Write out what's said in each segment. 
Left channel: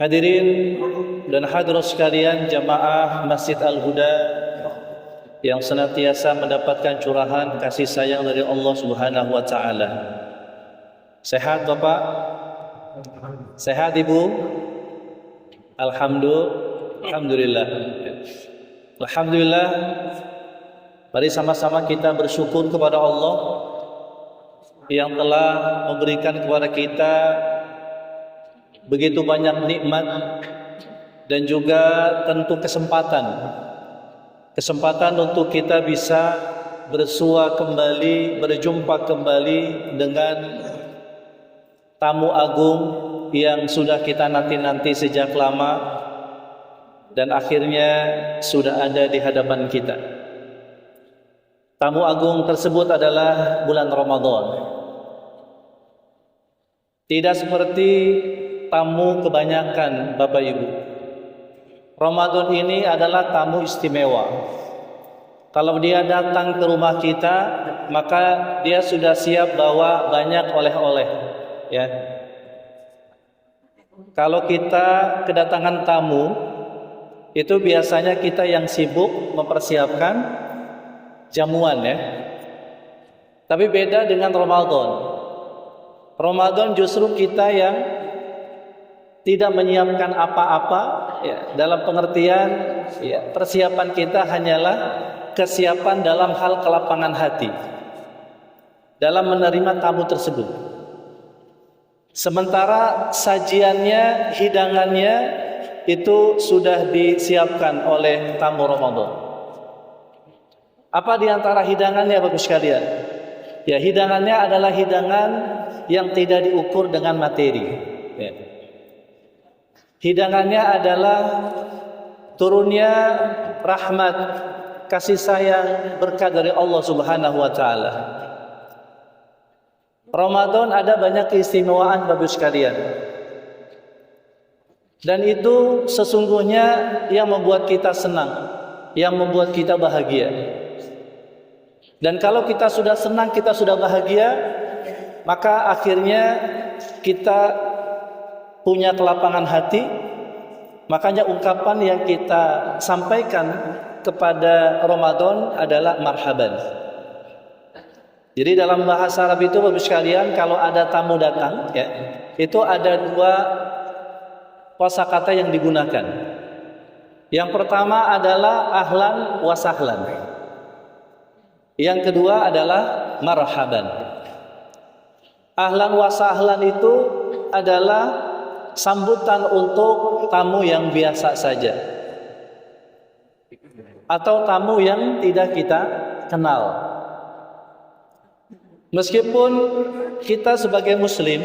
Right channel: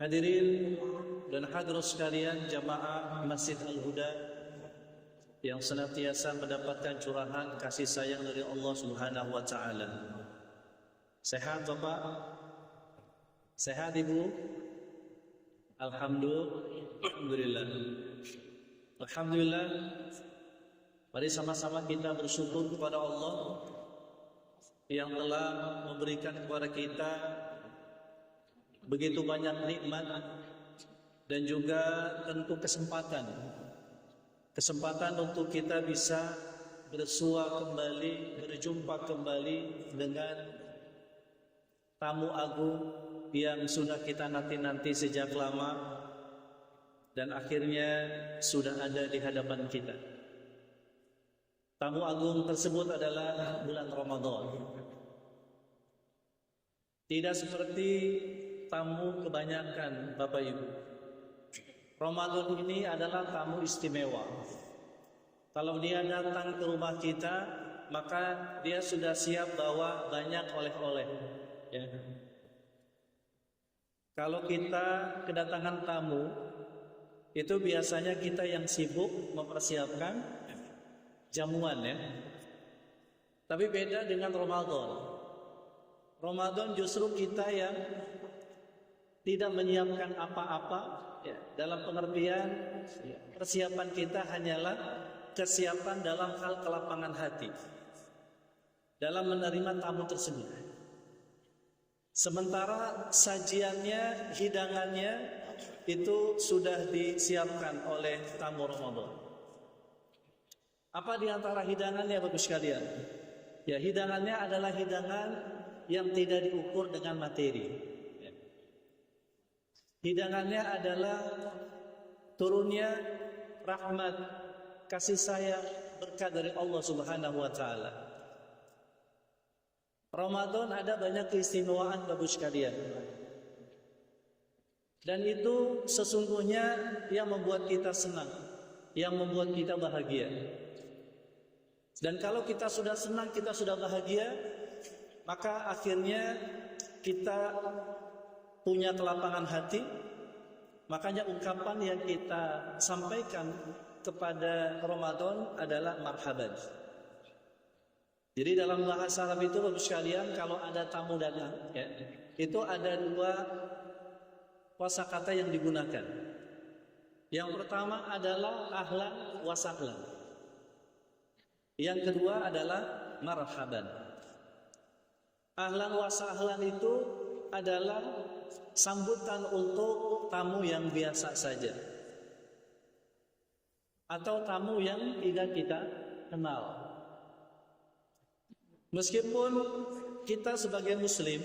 Hadirin dan hadirat sekalian jamaah Masjid Al-Huda yang senantiasa mendapatkan curahan kasih sayang dari Allah Subhanahu wa taala. Sehat Bapak? Sehat Ibu? Alhamdulillah. Alhamdulillah. Mari sama-sama kita bersyukur kepada Allah yang telah memberikan kepada kita begitu banyak nikmat dan juga tentu kesempatan untuk kita bisa bersua kembali, berjumpa kembali dengan tamu agung yang sudah kita nanti-nanti sejak lama dan akhirnya sudah ada di hadapan kita. Tamu agung tersebut adalah bulan Ramadan. Tidak seperti tamu kebanyakan Bapak Ibu. Ramadan ini adalah tamu istimewa. Kalau dia datang ke rumah kita, maka dia sudah siap bawa banyak oleh-oleh, ya. Kalau kita kedatangan tamu, itu biasanya kita yang sibuk mempersiapkan jamuan, ya. Tapi beda dengan Ramadan. Ramadan justru kita yang tidak menyiapkan apa-apa, ya, dalam pengertian, ya, persiapan kita hanyalah kesiapan dalam hal kelapangan hati dalam menerima tamu tersebut. Sementara sajiannya, hidangannya itu sudah disiapkan oleh tamu Ramadan. Apa di antara hidangannya Bapak sekalian? Ya, hidangannya adalah hidangan yang tidak diukur dengan materi, ya. Hidangannya adalah turunnya rahmat, kasih sayang, berkat dari Allah Subhanahu wa taala. Ramadan ada banyak keistimewaan Bapak sekalian. Dan itu sesungguhnya yang membuat kita senang, yang membuat kita bahagia. Dan kalau kita sudah senang, kita sudah bahagia, maka akhirnya kita punya kelapangan hati. Makanya ungkapan yang kita sampaikan kepada Ramadan adalah marhaban. Jadi dalam bahasa Arab itu Bapak sekalian, kalau ada tamu datang, ya, itu ada dua kosakata yang digunakan. Yang pertama adalah ahlan wa sahlan. Yang kedua adalah marhaban. Ahlan wa sahlan itu adalah sambutan untuk tamu yang biasa saja atau tamu yang tidak kita kenal. Meskipun kita sebagai muslim,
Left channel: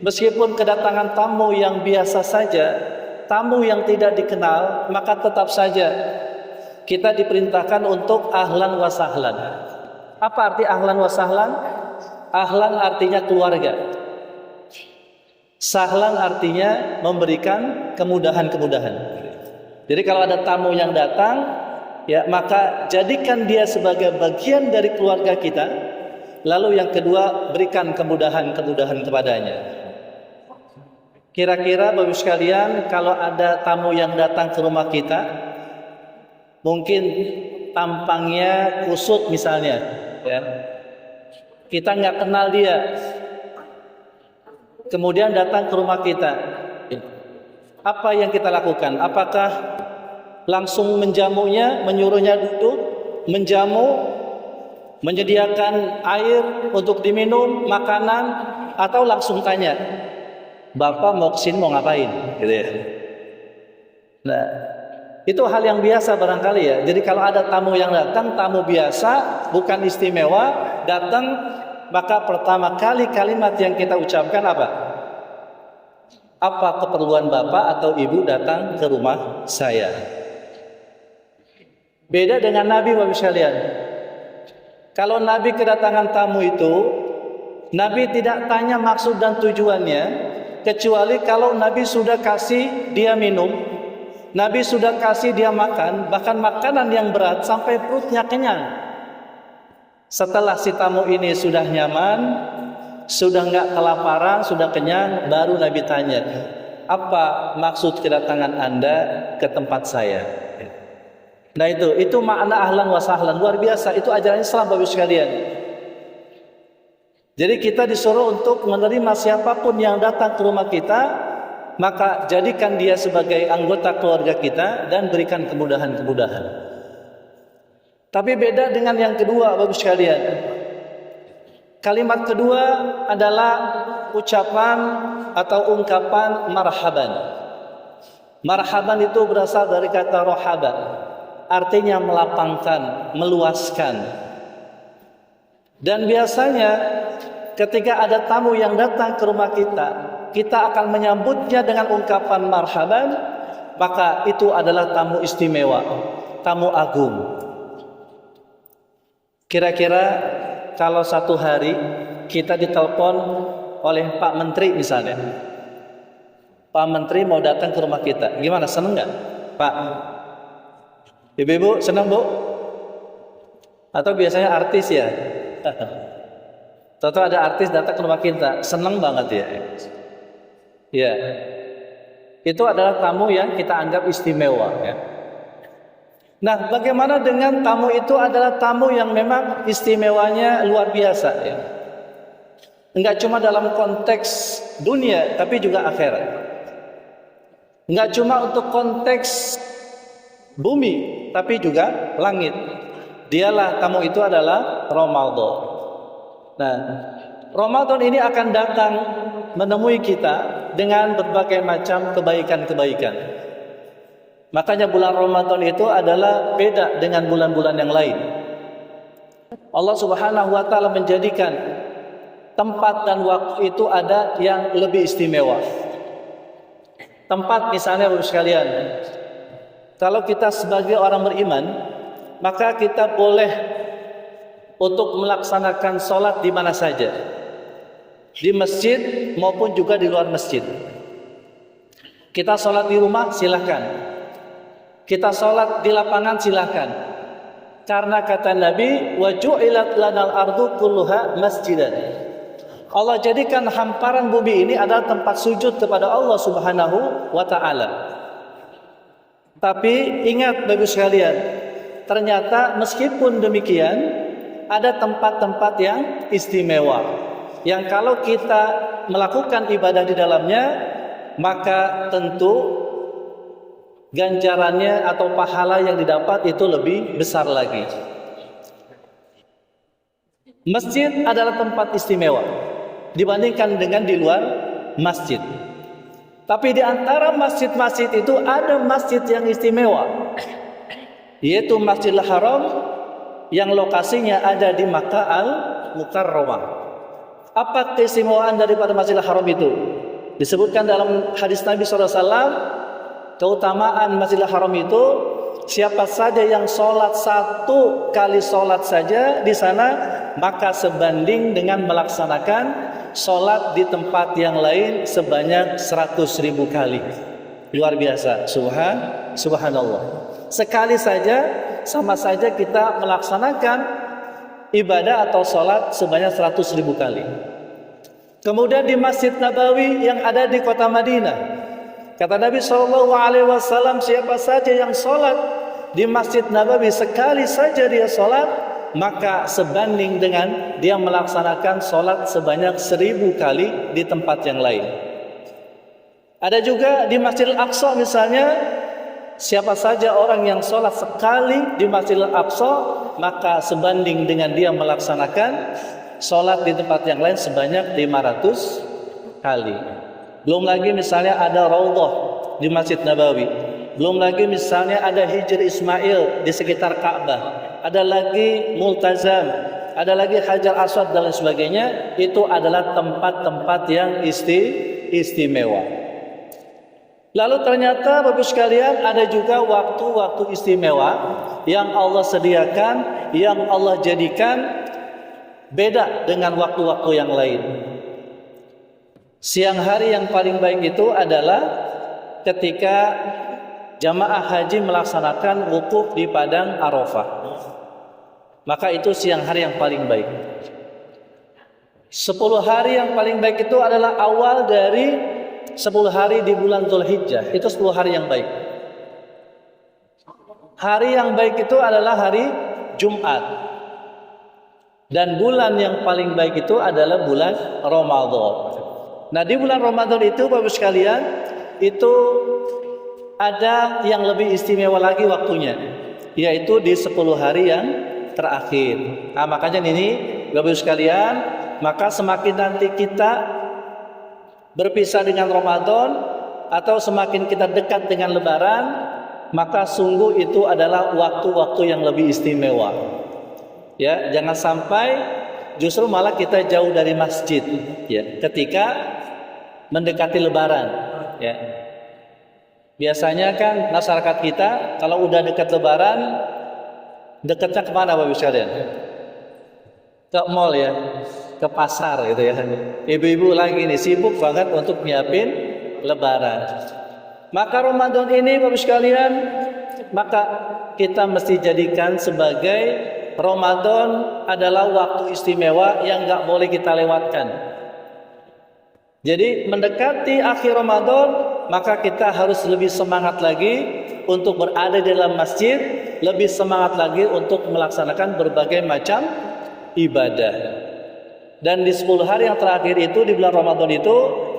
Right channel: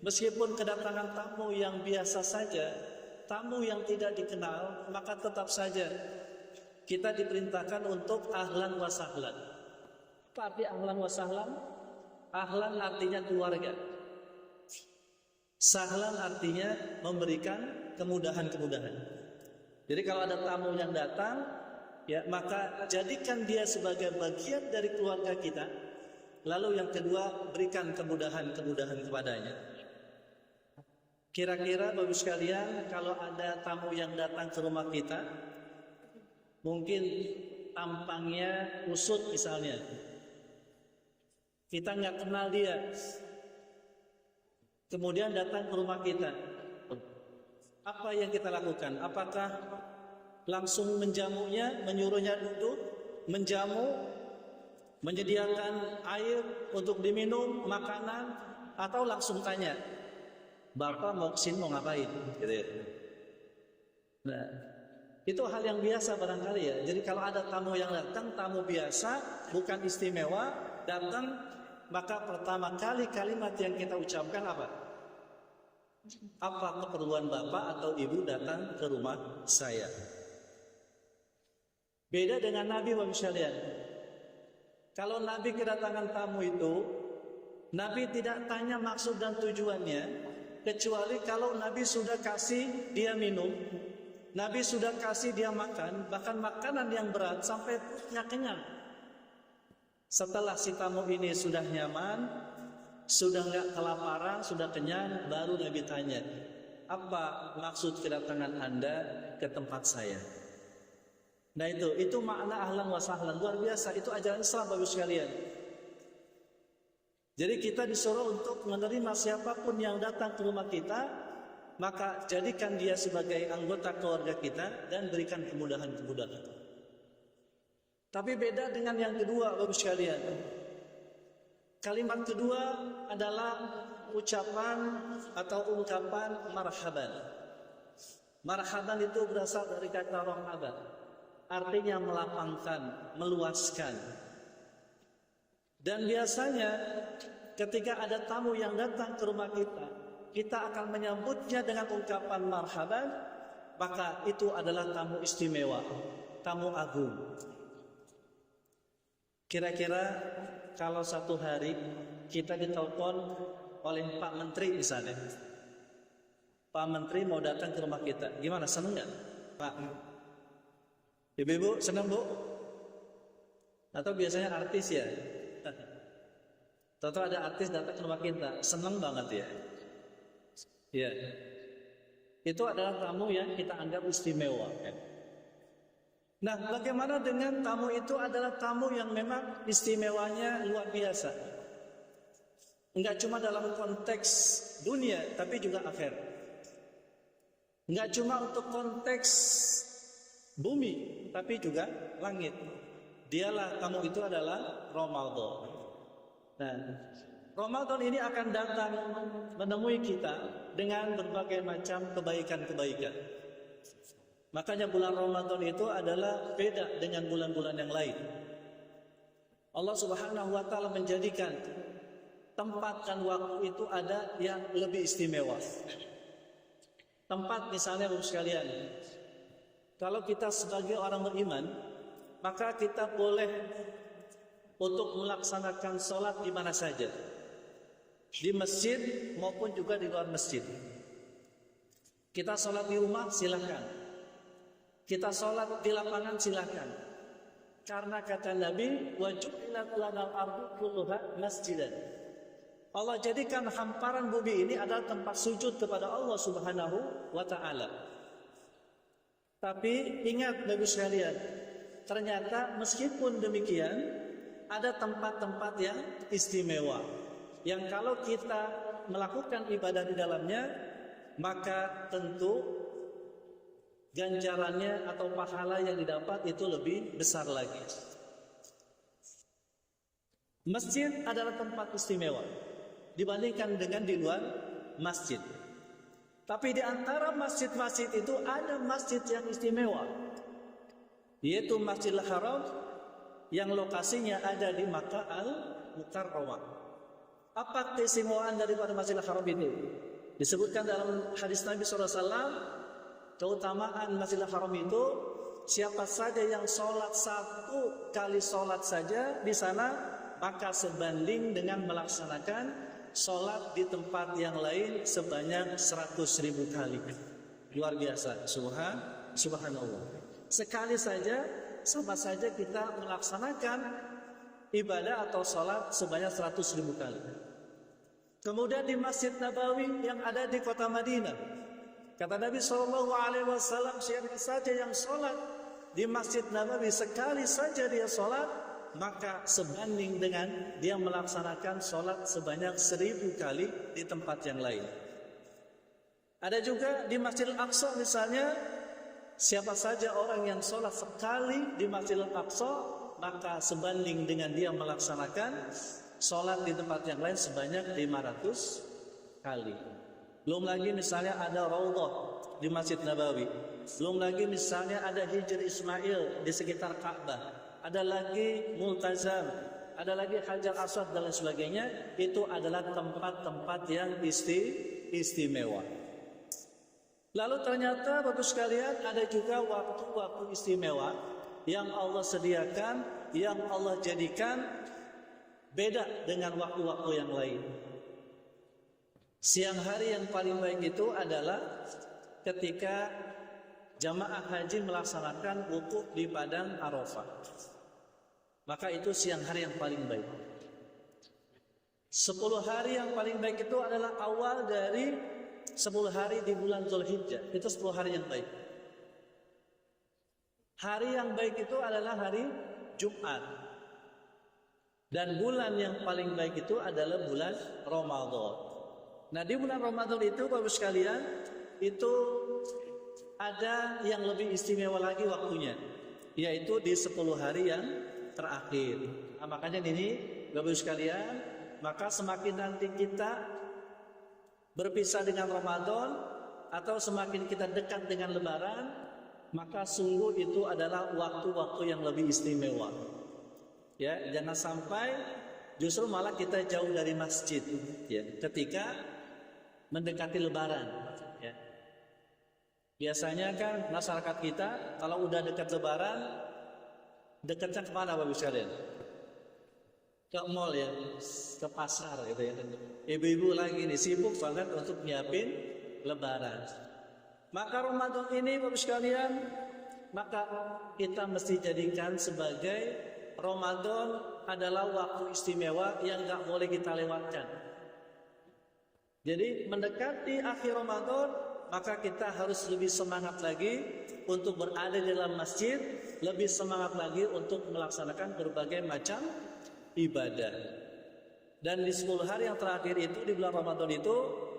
meskipun kedatangan tamu yang biasa saja, tamu yang tidak dikenal, maka tetap saja kita diperintahkan untuk ahlan wa sahlan. Apa arti ahlan wa sahlan? Ahlan artinya keluarga. Sahlan artinya memberikan kemudahan-kemudahan. Jadi kalau ada tamu yang datang, ya, maka jadikan dia sebagai bagian dari keluarga kita. Lalu yang kedua, berikan kemudahan-kemudahan kepadanya. Kira-kira Bapak sekalian, kalau ada tamu yang datang ke rumah kita, mungkin tampangnya kusut misalnya, ya. Kita nggak kenal dia. Kemudian datang ke rumah kita, apa yang kita lakukan? Apakah langsung menjamunya, menyuruhnya duduk, menjamu, menyediakan air untuk diminum, makanan, atau langsung tanya, Bapak mau kesini mau ngapain? Gitu ya. Nah, itu hal yang biasa barangkali, ya. Jadi kalau ada tamu yang datang, tamu biasa, bukan istimewa, datang, maka pertama kali kalimat yang kita ucapkan apa? Apa keperluan Bapak atau Ibu datang ke rumah saya? Beda dengan Nabi Bapak sekalian. Kalau Nabi kedatangan tamu itu, Nabi tidak tanya maksud dan tujuannya, kecuali kalau Nabi sudah kasih dia minum, Nabi sudah kasih dia makan, bahkan makanan yang berat sampai perutnya kenyang. Setelah si tamu ini sudah nyaman, sudah nggak kelaparan, sudah kenyang, baru Nabi tanya, apa maksud kedatangan Anda ke tempat saya? Nah itu makna ahlan wa sahlan, luar biasa. Itu ajaran Islam Bapak sekalian. Jadi kita disuruh untuk menerima siapapun yang datang ke rumah kita, maka jadikan dia sebagai anggota keluarga kita dan berikan kemudahan-kemudahan. Tapi beda dengan yang kedua Bapak sekalian. Kalimat kedua adalah ucapan atau ungkapan marhaban. Marhaban itu berasal dari kata rohaba, artinya melapangkan, meluaskan. Dan biasanya ketika ada tamu yang datang ke rumah kita, kita akan menyambutnya dengan ungkapan marhaban, maka itu adalah tamu istimewa, tamu agung. Kira-kira kalau satu hari kita ditelepon oleh Pak Menteri misalnya, Pak Menteri mau datang ke rumah kita, gimana, seneng nggak Pak? Ibu-ibu senang Bu? Atau biasanya artis ya? Tentu ada artis datang ke rumah kita, senang banget ya. Ya, itu adalah tamu yang kita anggap istimewa ya. Nah, bagaimana dengan tamu itu adalah tamu yang memang istimewanya luar biasa ya. Enggak cuma dalam konteks dunia, tapi juga akhirat. Enggak cuma untuk konteks bumi, tapi juga langit. Dialah, tamu itu adalah Ramadan. Nah, Ramadan ini akan datang menemui kita dengan berbagai macam kebaikan-kebaikan. Makanya bulan Ramadan itu adalah beda dengan bulan-bulan yang lain. Allah Subhanahu wa taala menjadikan tempat dan waktu itu ada yang lebih istimewa. Tempat misalnya Bapak sekalian, kalau kita sebagai orang beriman, maka kita boleh untuk melaksanakan sholat di mana saja, di masjid maupun juga di luar masjid. Kita sholat di rumah silahkan, kita sholat di lapangan silahkan. Karena kata Nabi, wa ju'ilat lanal ardu kulluha masjidan. Allah jadikan hamparan bumi ini adalah tempat sujud kepada Allah Subhanahu wa ta'ala. Tapi ingat Bapak sekalian, ternyata meskipun demikian ada tempat-tempat yang istimewa, yang kalau kita melakukan ibadah di dalamnya, maka tentu ganjarannya atau pahala yang didapat itu lebih besar lagi. Masjid adalah tempat istimewa dibandingkan dengan di luar masjid. Tapi di antara masjid-masjid itu ada masjid yang istimewa, yaitu Masjidil Haram yang lokasinya ada di Makkah Al-Mukarramah. Apa keistimewaan daripada Masjidil Haram itu? Disebutkan dalam hadis Nabi SAW, keutamaan Masjidil Haram itu, siapa saja yang sholat satu kali sholat saja di sana, maka sebanding dengan melaksanakan sholat di tempat yang lain sebanyak 100.000 kali. Luar biasa, subhanallah. Sekali saja sama saja kita melaksanakan ibadah atau sholat sebanyak 100.000 kali. Kemudian di Masjid Nabawi yang ada di kota Madinah, kata Nabi SAW, siapa saja yang sholat di Masjid Nabawi sekali saja dia sholat, maka sebanding dengan dia melaksanakan sholat sebanyak 1.000 kali di tempat yang lain. Ada juga di Masjidil Aqsa misalnya, siapa saja orang yang sholat sekali di Masjidil Aqsa, maka sebanding dengan dia melaksanakan sholat di tempat yang lain sebanyak 500 kali. Belum lagi misalnya ada Raudhah di Masjid Nabawi. Belum lagi misalnya ada Hijr Ismail di sekitar Ka'bah. Ada lagi Multazam, ada lagi Hajar Aswad dan lain sebagainya. Itu adalah tempat-tempat yang istimewa. Lalu ternyata Bapak sekalian ada juga waktu-waktu istimewa yang Allah sediakan, yang Allah jadikan beda dengan waktu-waktu yang lain. Siang hari yang paling baik itu adalah ketika jamaah haji melaksanakan wukuf di padang Arafah. Maka itu siang hari yang paling baik. 10 hari yang paling baik itu adalah awal dari 10 hari di bulan Dzulhijjah, itu 10 hari yang baik. Hari yang baik itu adalah hari Jumat. Dan bulan yang paling baik itu adalah bulan Ramadan. Nah, di bulan Ramadan itu Bapak sekalian, itu ada yang lebih istimewa lagi waktunya, yaitu di 10 hari yang terakhir. Nah, makanya ini Bapak sekalian, maka semakin nanti kita berpisah dengan Ramadan atau semakin kita dekat dengan Lebaran, maka sungguh itu adalah waktu-waktu yang lebih istimewa. Ya, jangan sampai justru malah kita jauh dari masjid ya ketika mendekati Lebaran ya. Biasanya kan masyarakat kita kalau udah dekat Lebaran, dekatnya kemana Bapak sekalian? Ke mall ya, ke pasar gitu ya. Ibu-ibu lagi nih sibuk banget untuk nyiapin Lebaran. Maka Ramadan ini Bapak sekalian, maka kita mesti jadikan sebagai Ramadan adalah waktu istimewa yang nggak boleh kita lewatkan. Jadi mendekati akhir Ramadan, maka kita harus lebih semangat lagi untuk berada di dalam masjid, lebih semangat lagi untuk melaksanakan berbagai macam ibadah. Dan di 10 hari yang terakhir itu di bulan Ramadan itu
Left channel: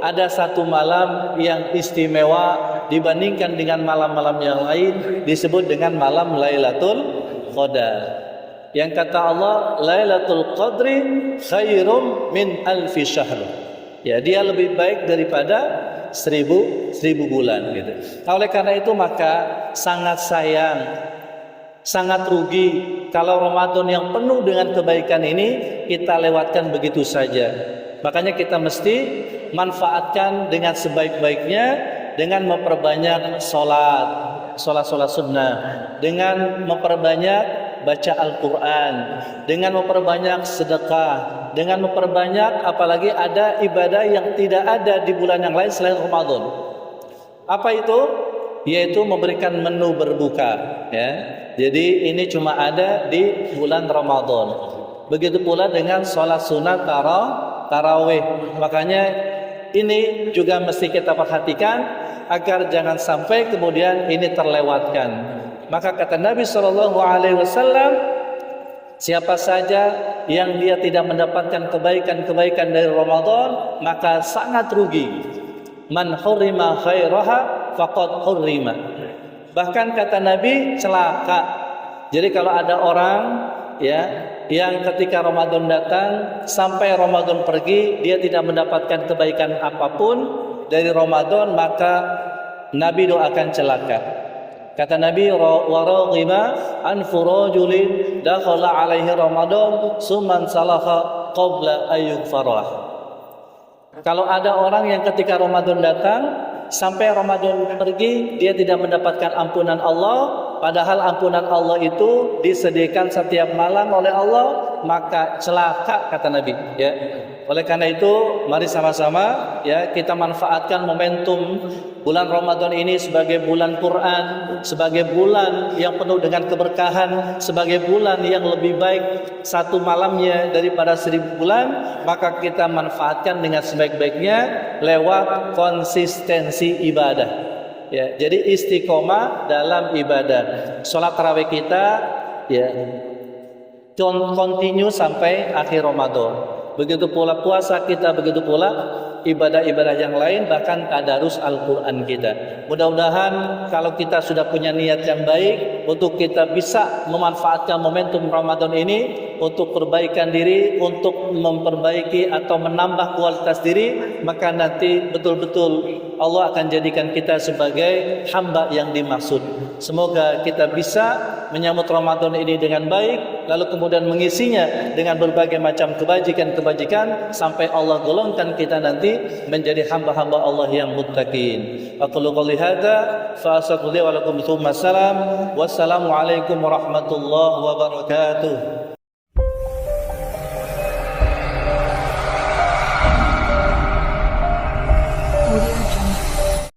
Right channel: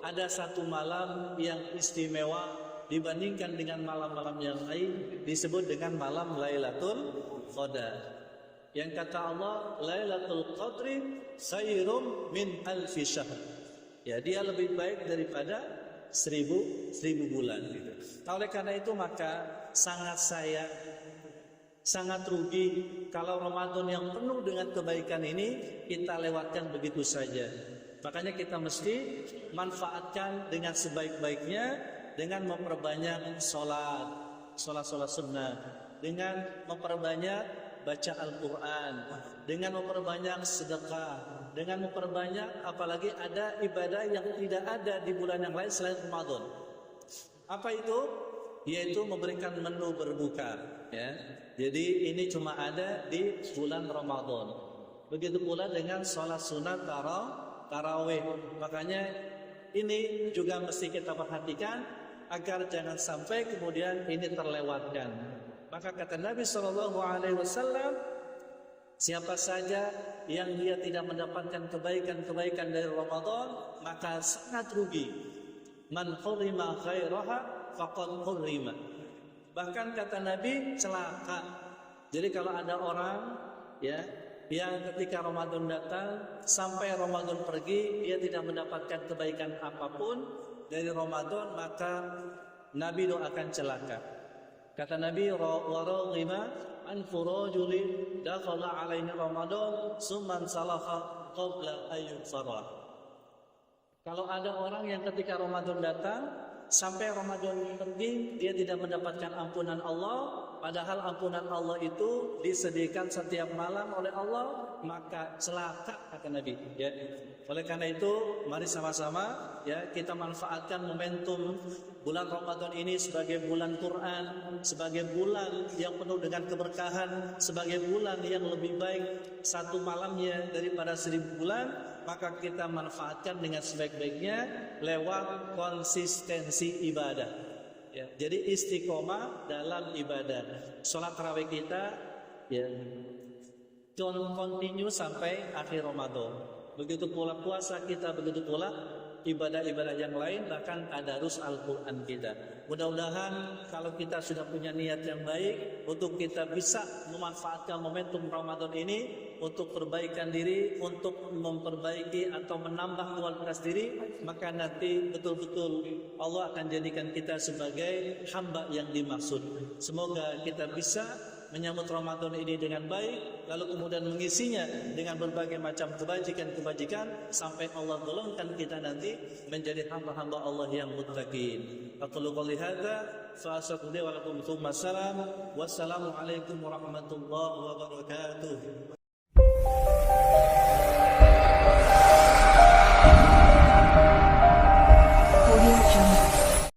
ada satu malam yang istimewa dibandingkan dengan malam-malam yang lain, disebut dengan malam Lailatul Qadar. Yang kata Allah, Lailatul Qadri khairum min alfi syahr. Ya, dia lebih baik daripada seribu bulan gitu. Nah, oleh karena itu maka sangat sayang, sangat rugi kalau Ramadan yang penuh dengan kebaikan ini kita lewatkan begitu saja. Makanya kita mesti manfaatkan dengan sebaik-baiknya dengan memperbanyak sholat sunnah, dengan memperbanyak baca Al-Quran, dengan memperbanyak sedekah, dengan memperbanyak apalagi ada ibadah yang tidak ada di bulan yang lain selain Ramadan. Apa itu? Yaitu memberikan menu berbuka ya. Jadi ini cuma ada di bulan Ramadan. Begitu pula dengan sholat sunat tarawih. Makanya ini juga mesti kita perhatikan agar jangan sampai kemudian ini terlewatkan. Maka kata Nabi SAW, siapa saja yang dia tidak mendapatkan kebaikan-kebaikan dari Ramadan, maka sangat rugi. Man hurrima khairaha faqad hurrima. Bahkan kata Nabi, celaka. Jadi kalau ada orang ya yang ketika Ramadan datang sampai Ramadan pergi dia tidak mendapatkan kebaikan apapun dari Ramadan, maka Nabi doakan celaka. Kata Nabi, wa raghiba an furujulin dakhala alaihi Ramadan summan salaha qabla ayyughfarah. Kalau ada orang yang ketika Ramadan datang sampai Ramadan pergi dia tidak mendapatkan ampunan Allah, padahal ampunan Allah itu disediakan setiap malam oleh Allah, maka celaka kata Nabi ya. Oleh karena itu mari sama-sama ya kita manfaatkan momentum bulan Ramadan ini sebagai bulan Quran, sebagai bulan yang penuh dengan keberkahan, sebagai bulan yang lebih baik satu malamnya daripada 1000 bulan, maka kita manfaatkan dengan sebaik-baiknya lewat konsistensi ibadah. Ya, jadi istiqomah dalam ibadah. Salat tarawih kita ya continue sampai akhir Ramadan. Begitu pula puasa kita, begitu pula ibadah-ibadah yang lain, bahkan tadarus Al-Quran kita. Mudah-mudahan kalau kita sudah punya niat yang baik untuk kita bisa memanfaatkan momentum Ramadan ini untuk perbaikan diri, untuk memperbaiki atau menambah kualitas diri, maka nanti betul-betul Allah akan jadikan kita sebagai hamba yang dimaksud. Semoga kita bisa menyambut Ramadan ini dengan baik, lalu kemudian mengisinya dengan berbagai macam kebajikan-kebajikan sampai Allah golongkan kita nanti menjadi hamba-hamba Allah yang muttaqin. Aqulu qouli hadza fa astaghfirullaha wa lakum. Wassalamu alaikum warahmatullahi wabarakatuh.